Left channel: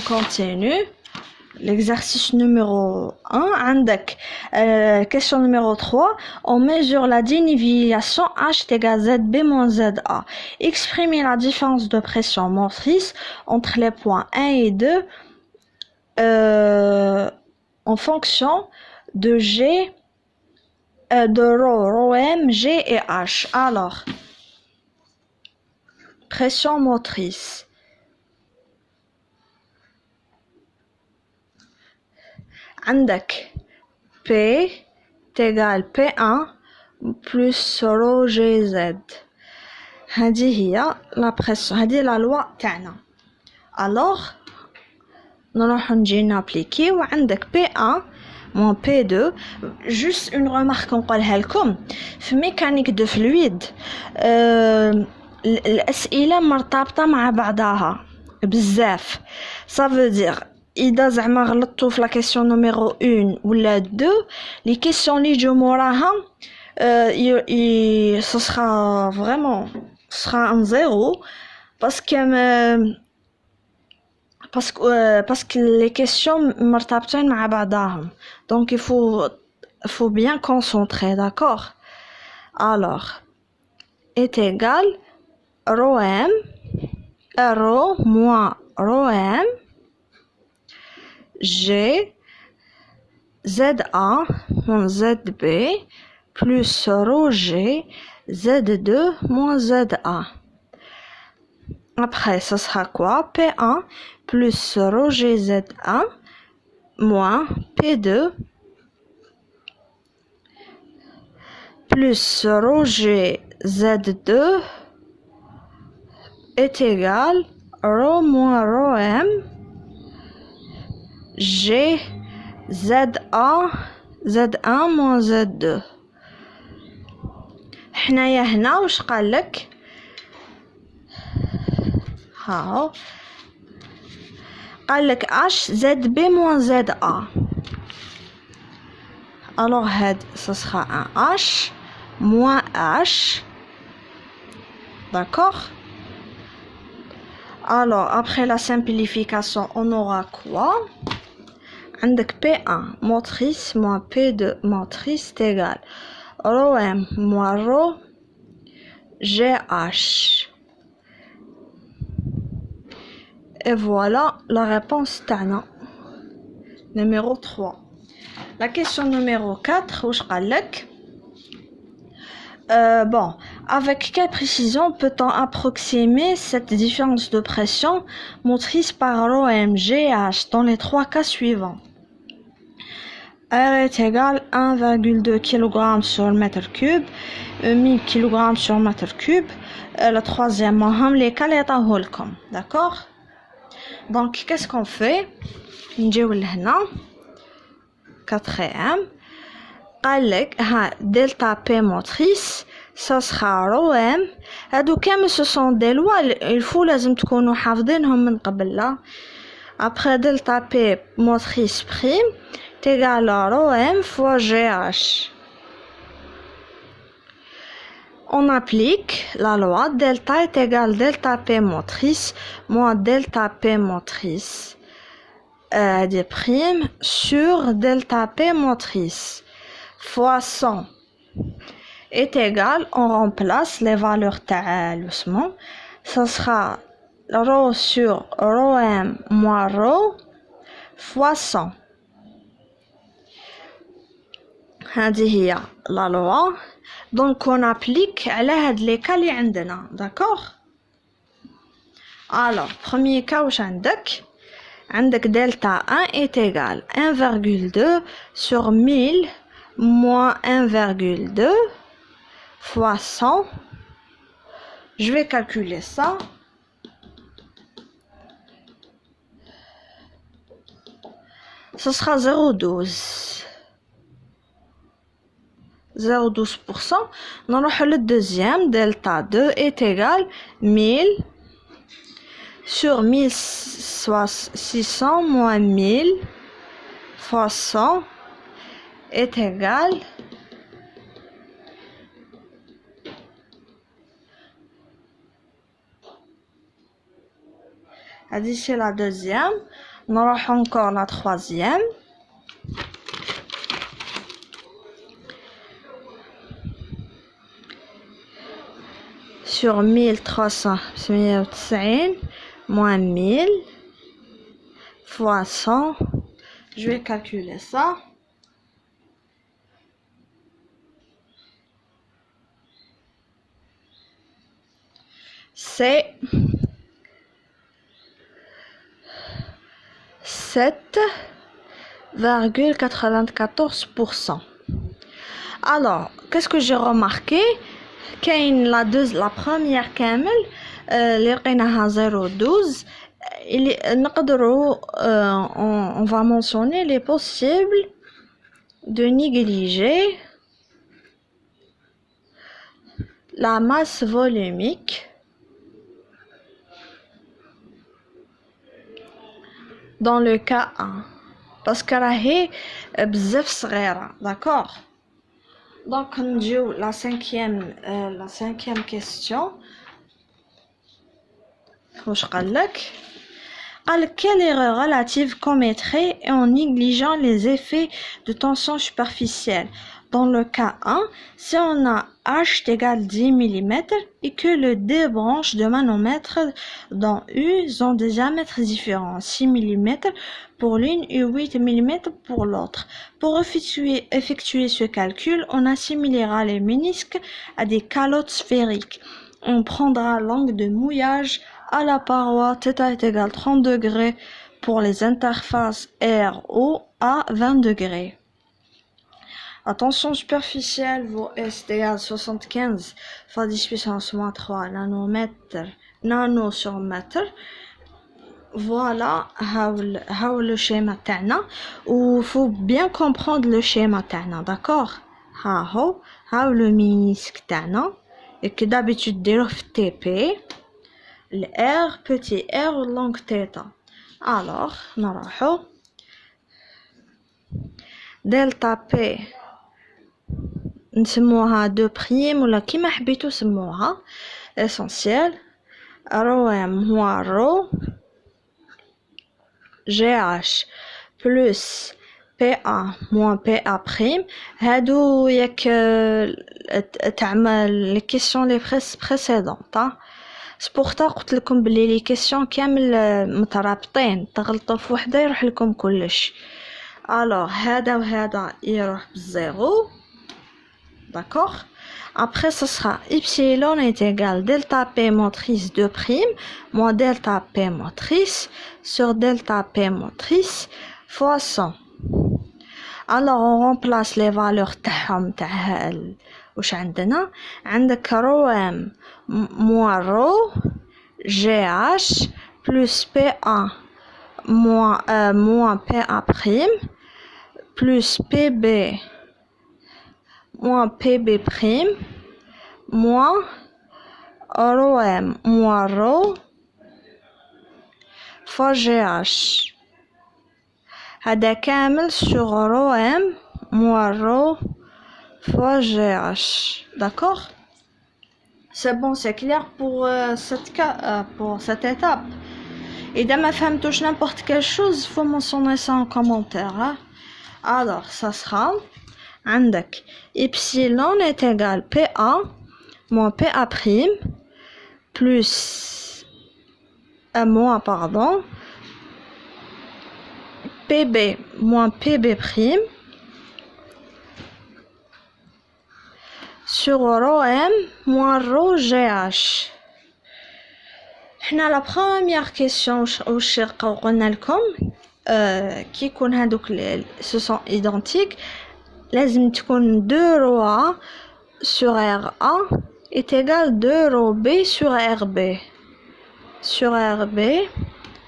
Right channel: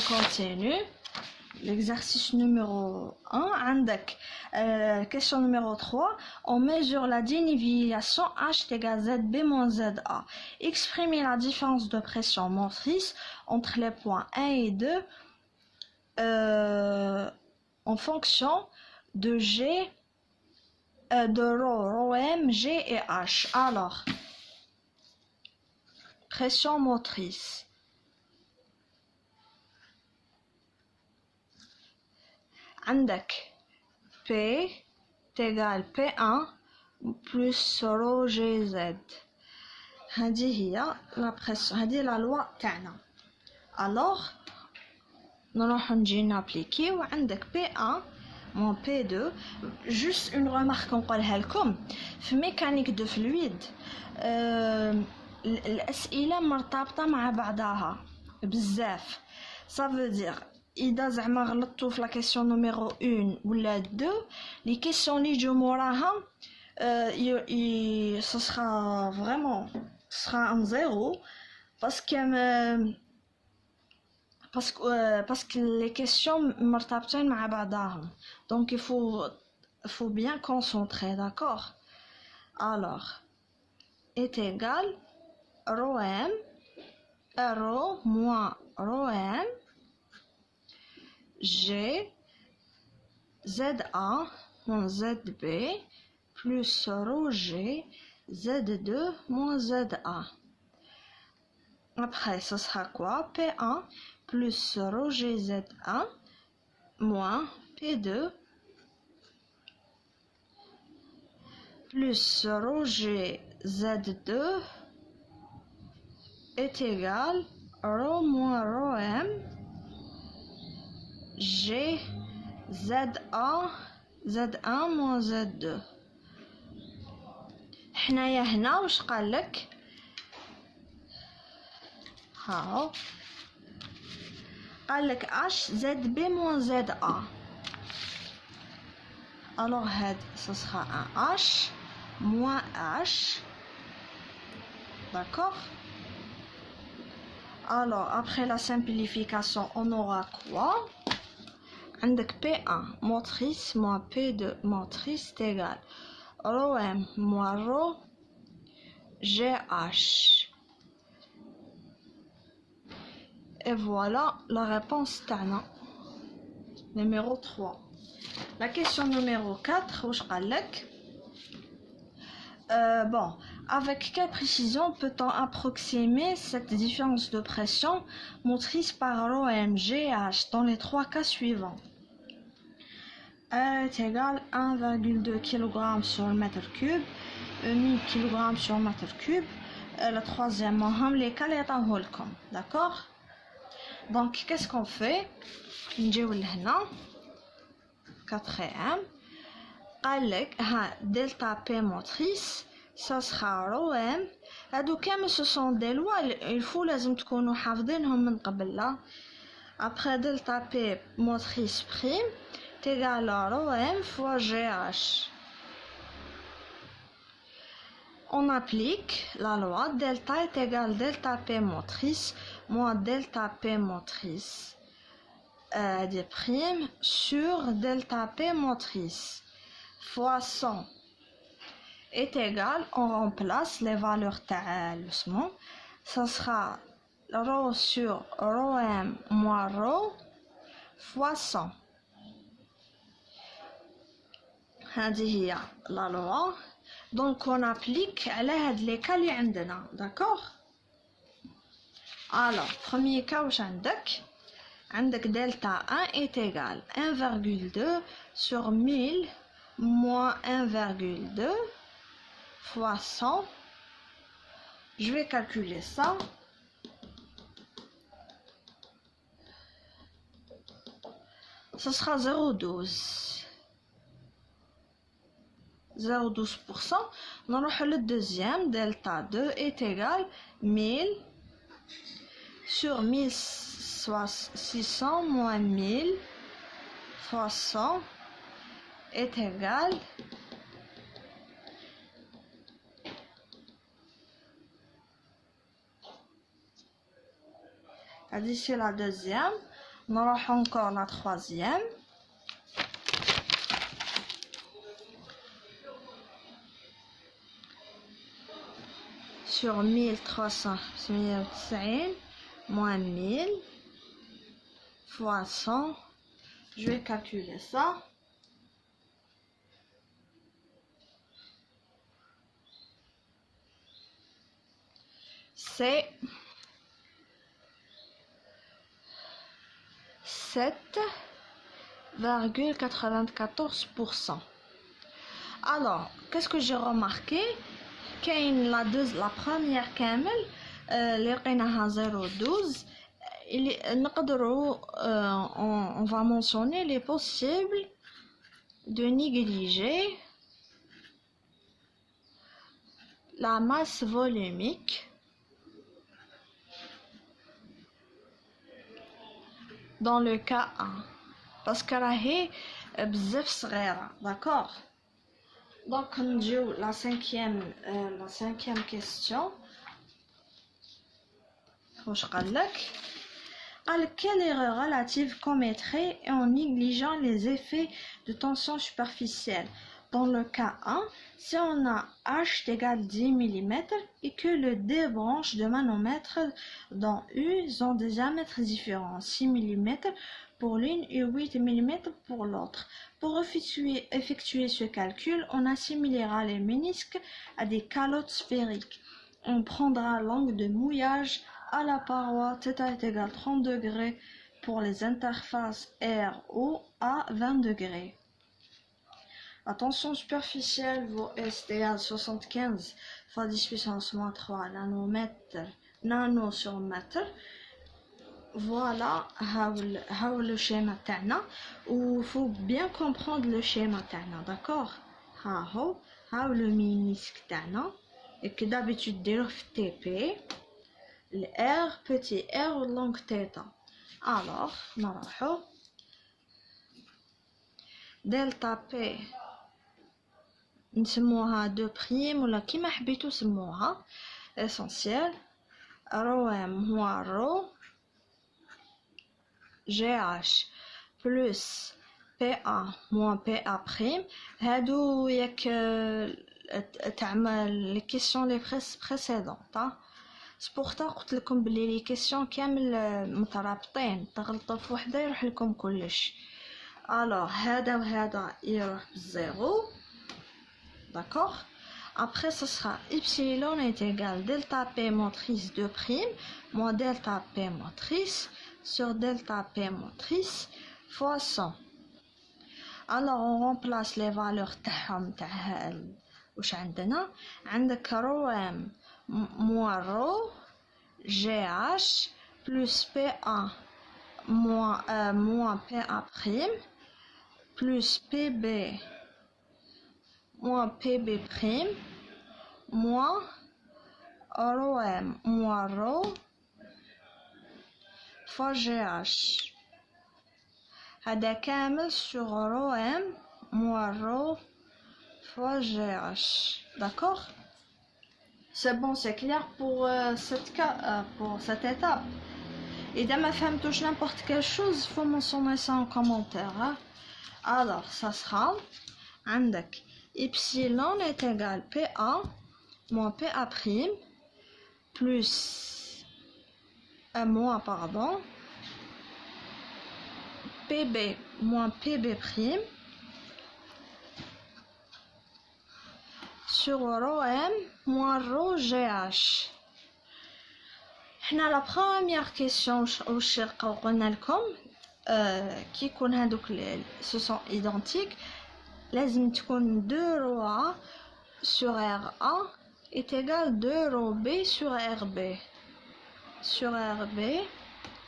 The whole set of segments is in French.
continue. L'exercice numéro 1, عندك question numéro 3, on mesure la dénivellation H égale ZB moins ZA. Exprimer la différence de pression motrice entre les points 1 et 2 en fonction de G, de ρ, ρm, G et H. Alors, pression motrice. عندك P égale P1 plus ρ G Z. هذه هي la pression. هذه la loi تاعنا. Alors نروح نجي نابليكي وعندك P1 moins P2. Juste une remarque نقولها لكم في mécanique de fluide. الأسئلة مرتبطة مع بعضها بزاف. Ça veut dire إذا زعما غلطتو في لا كيسيون نيميرو 1 ولا 2 لي كيسيون اللي يجيو موراها ce sera vraiment ce sera un zéro parce que les questions مرتبطين مع بعضهم donc il faut bien concentrer, d'accord. Alors est égal ρm ρ moins ρm G ZA moins ZB plus ρG Z2 moins ZA. Après, ça sera quoi? P1 plus ρG Z1 moins P2 plus ρG Z2 est égal ρ moins ρm G ZA Z1 moins Z2. حنايا هنا واش قال لك؟ هاو قال لك H ZB moins ZA. Alors ce sera un H moins H, d'accord. Alors après la simplification on aura quoi? عندك P1 motrice moins P2 motrice est égal ρm moins ρ GH. Et voilà la réponse تاعنا numéro 3. La question numéro 4 واش قال لك؟ Bon, avec quelle précision peut-on approximer cette différence de pression motrice par ρm GH dans les trois cas suivants? R est égal 1,2 kg sur mètre cube, 1000 kg sur mètre cube. Le troisième, les cas les tahoulkom, d'accord? Donc, qu'est-ce qu'on fait? نجيو لهنا quatrième. قال لك ها delta P motrice ça sera ρm. هادو كامل ce sont des lois il faut لازم تكونوا حافظينهم من قبل لا. Après delta P motrice prime est égal à ρm fois GH. On applique la loi delta est égal delta P motrice moins delta P motrice des primes sur delta P motrice fois 100 est égal, on remplace les valeurs talusement, ça sera ρ sur ρm moins ρ fois 100. هذه هي la loi. Donc on applique على هاد les cas اللي عندنا, d'accord. Alors premier cas واش عندك delta 1 est égal 1,2 sur 1000 moins 1,2 fois 100. Je vais calculer ça. Ce sera 0,12. 0,12%. نروح le deuxième, delta 2 est égal 1000 sur 1600 moins 1000 fois 100 est égal c'est la deuxième. نروح encore la troisième. Sur 1390 moins 1000 fois 100. Je vais calculer ça. C'est 7,94%. Alors, qu'est-ce que j'ai remarqué? La première camel, اللي لقيناها 0,12. On va mentionner les possibles de négliger la masse volumique dans le cas 1 parce que راهي بزاف صغيرة. D'accord. Donc نجيو la cinquième question. واش قالك؟ Quelle erreur relative commettrait en négligeant les effets de tension superficielle? Dans le cas 1, si on a H égale 10 mm et que les deux branches de manomètre dans U ont des diamètres différents, 6 mm pour l'une et 8 mm pour l'autre. Pour effectuer ce calcul, on assimilera les ménisques à des calottes sphériques. On prendra l'angle de mouillage à la paroi θ est égal 30 degrés pour les interfaces RO à 20 degrés. La tension superficielle vaut S égale 75 fois 10 puissance moins 3 nano sur mètre. Voilà le schéma تاعنا. Il faut bien comprendre le schéma تاعنا, d'accord? le ménisque تاعنا et que d'habitude ديروه في TP. Le R, petit r ou longue θ. Alors, نروحو delta P نسموها 2' ولا كيما حبيتو سموها. essentiel ρ m هو ρ GH plus PA moins PA'. هادو ياك تعمل les questions les précédentes. سبورتا قلت لكم بلي لي كيسيون كامل مترابطين، تغلطوا في وحده يروح لكم كلش. الوغ هذا وهذا يروح بالزيرو. داكوغ. Après, ce sera epsilon est égal delta P motrice 2' moins delta P motrice sur delta P motrice fois 100. Alors, on remplace les valeurs تاعهم تاع واش عندنا. عندك رو ام moins ρ GH plus PA moins PA' plus PB moins PB' moins ρm moins ρ fois GH. هذا كامل sur ρm moins ρ fois GH. D'accord? C'est bon, c'est clair pour cette étape. Et de ma femme touche n'importe quelle chose, il faut mentionner ça en commentaire. Hein? Alors, ça sera عندك epsilon est égal PA moins PA' plus PB moins PB' sur ρm moins ρ GH. حنا la première question واش قلنا لكم كي يكون هذوك ce sont identiques لازم تكون 2 ρ sur RA est égal 2 ρB sur RB. Sur RB,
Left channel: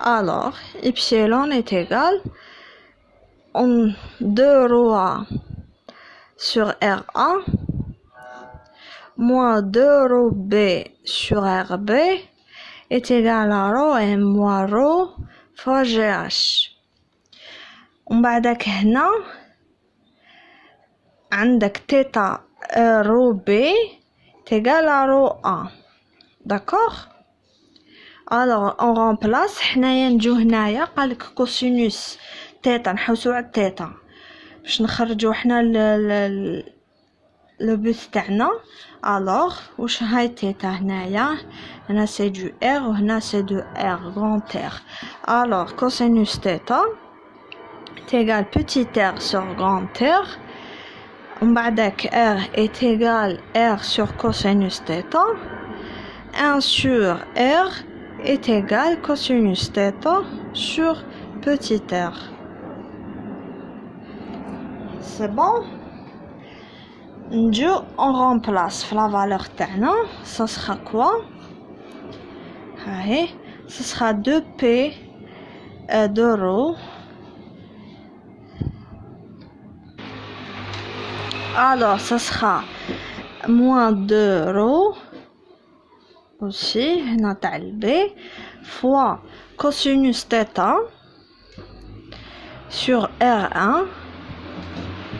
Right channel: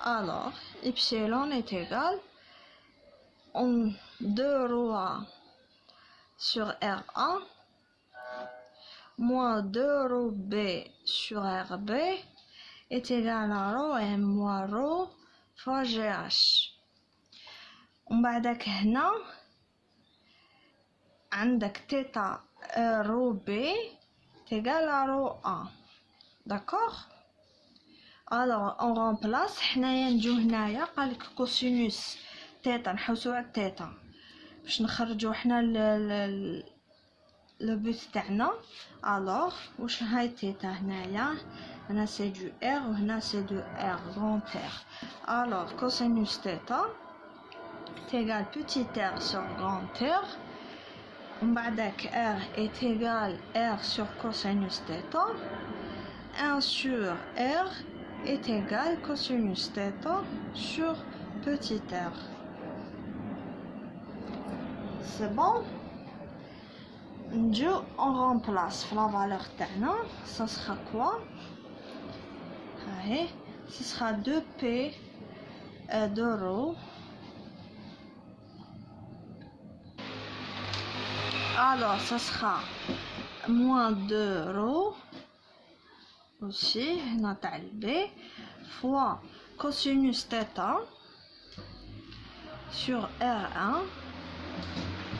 alors epsilon est égal 2 ρ sur RA moins 2 ρB sur RB est égal à ρm moins ρ fois GH. ومن بعدك هنا عندك θ ρB est égal à ρ1. D'accord? alors on remplace حنايا نجو هنايا قالك كوسينوس تيتا نحوسو على التيتا باش نخرجو حنا لو بوت تاعنا alors واش هاي تيتا هنا سي دو ار وهنا سي دو ار غران ار alors كوسينوس تيتا تيغال بوتيت ار سور غران ار ومن بعدك r est égal r sur cosinus θ 1 sur r est égal cosinus θ sur petit r. C'est bon? On remplace la valeur تاعنا, ça sera quoi? Allez, ce sera 2p d'euros. Alors ça sera moins 2 euros aussi fois cosinus θ sur R1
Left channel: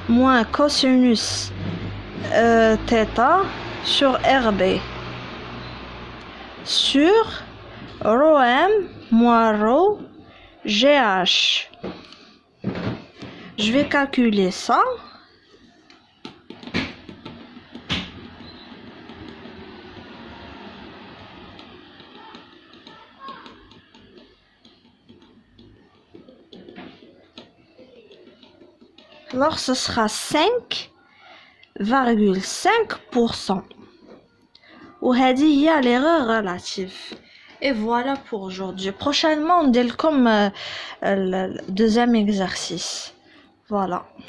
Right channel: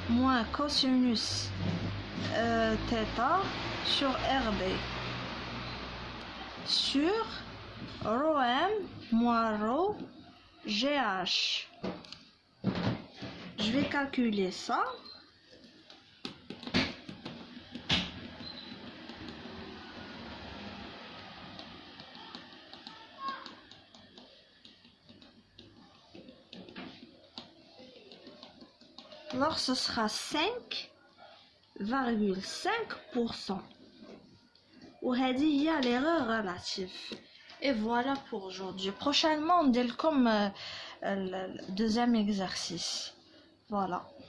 moins cosinus θ sur RB sur ρm moins ρ GH. Je vais calculer ça. Alors ce sera 5,5%. Ou هذه هي l'erreur relative. Et voilà pour aujourd'hui. Prochainement on dit comme le deuxième exercice. Voilà.